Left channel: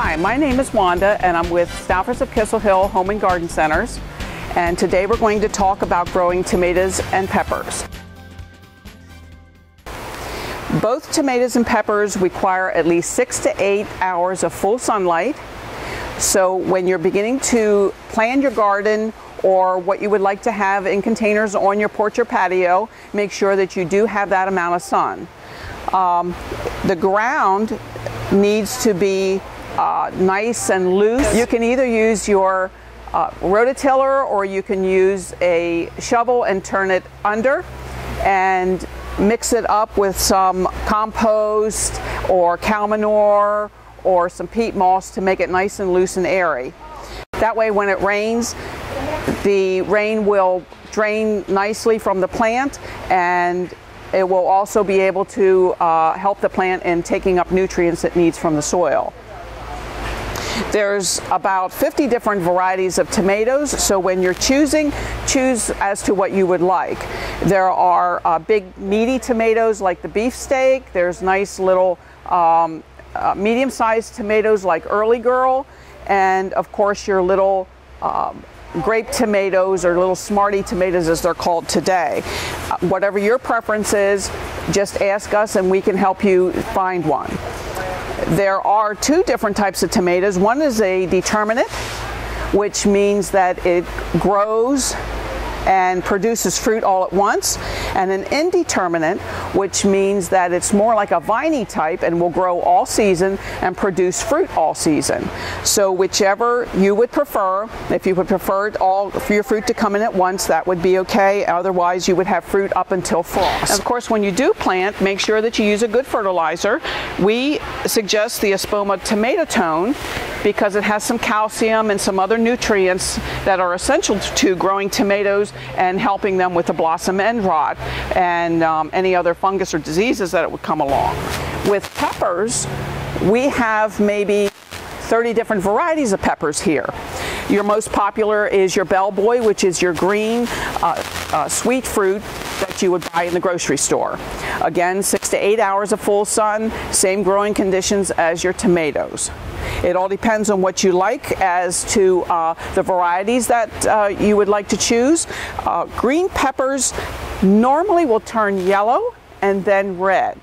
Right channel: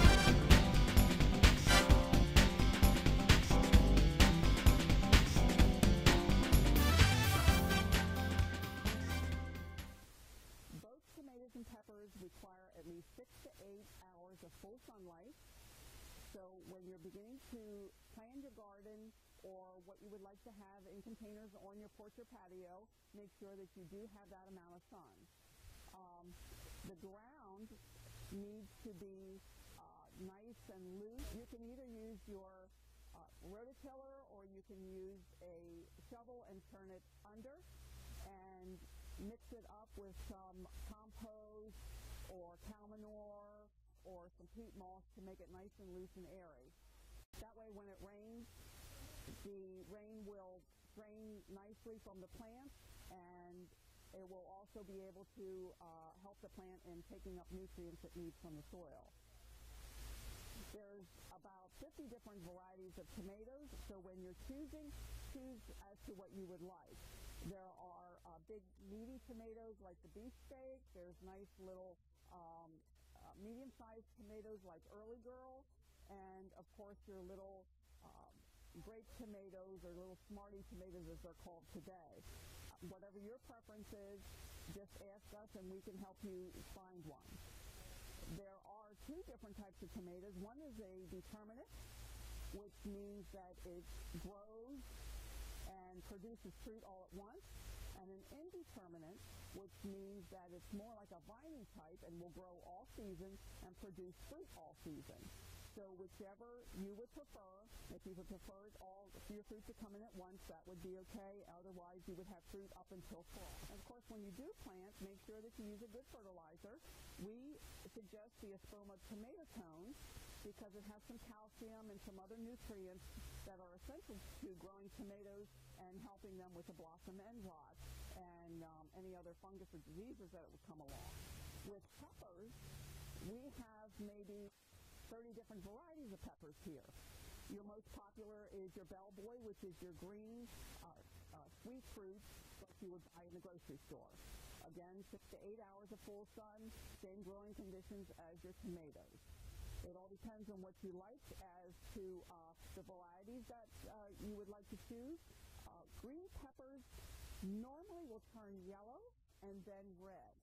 Hi, my name is Wanda and I'm with Stauffers of Kissel Home and Garden Centers, and today we're going to talk about growing tomatoes and peppers. Both tomatoes and peppers require at least 6 to 8 hours of full sunlight. So when you're beginning to plan your garden or what you would like to have in containers on your porch or patio, make sure that you do have that amount of sun. The ground needs to be nice and loose. You can either use your rototiller or you can use a shovel and turn it under and mix it up with some compost or cow manure or some peat moss to make it nice and loose and airy. That way when it rains, the rain will drain nicely from the plant, and it will also be able to help the plant in taking up nutrients it needs from the soil. There's about 50 different varieties of tomatoes, so when you're choosing, choose as to what you would like. There are big meaty tomatoes like the beefsteak. There's nice little medium-sized tomatoes like Early Girl, and of course your little grape tomatoes, or little smarty tomatoes as they're called today. Whatever your preference is, just ask us and we can help you find one. There are two different types of tomatoes. One is a determinate, which means that it grows and produces fruit all at once, and an indeterminate, which means that it's more like a viney type and will grow all season and produce fruit all season. So whichever you would prefer, if you would prefer all for your fruit to come in at once, that would be okay. Otherwise, you would have fruit up until frost. And of course, when you do plant, make sure that you use a good fertilizer. We suggest the Espoma Tomato Tone because it has some calcium and some other nutrients that are essential to growing tomatoes and helping them with the blossom end rot and any other fungus or diseases that it would come along. With peppers, we have maybe 30 different varieties of peppers here. Your most popular is your bellboy, which is your green sweet fruit that you would buy in the grocery store. Again, 6 to 8 hours of full sun, same growing conditions as your tomatoes. It all depends on what you like as to the varieties that you would like to choose. Green peppers normally will turn yellow and then red.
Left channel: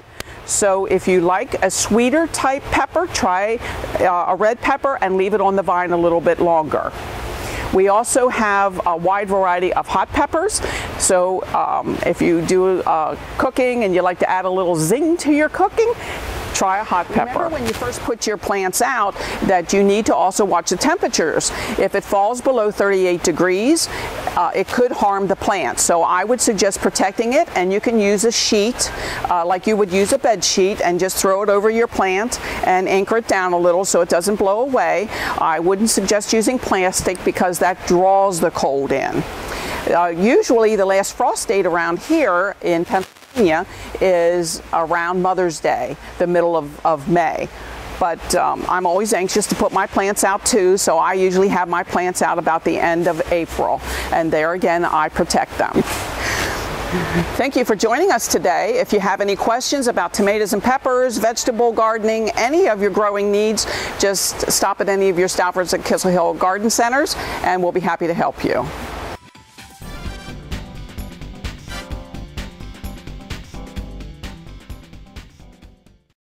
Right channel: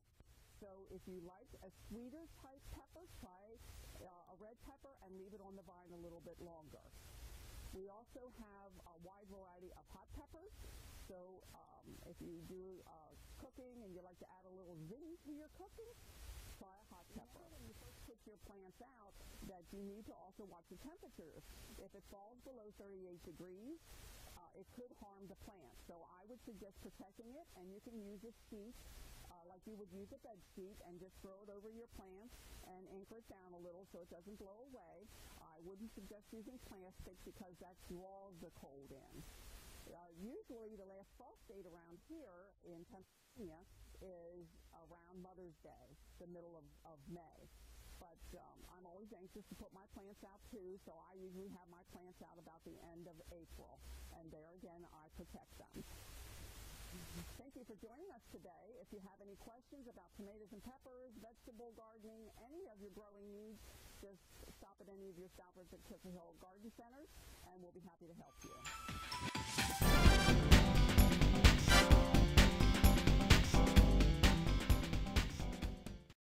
So if you like a sweeter type pepper, try a red pepper and leave it on the vine a little bit longer. We also have a wide variety of hot peppers. So if you do cooking and you like to add a little zing to your cooking, try a hot pepper. Remember when you first put your plants out that you need to also watch the temperatures. If it falls below 38 degrees, it could harm the plant. So I would suggest protecting it, and you can use a sheet like you would use a bed sheet and just throw it over your plant and anchor it down a little so it doesn't blow away. I wouldn't suggest using plastic because that draws the cold in. Usually the last frost date around here in Pennsylvania is around Mother's Day, the middle of May. But I'm always anxious to put my plants out too, so I usually have my plants out about the end of April, and there again I protect them. Thank you for joining us today. If you have any questions about tomatoes and peppers, vegetable gardening, any of your growing needs, just stop at any of your Stauffers at Kissel Garden Centers and we'll be happy to help you.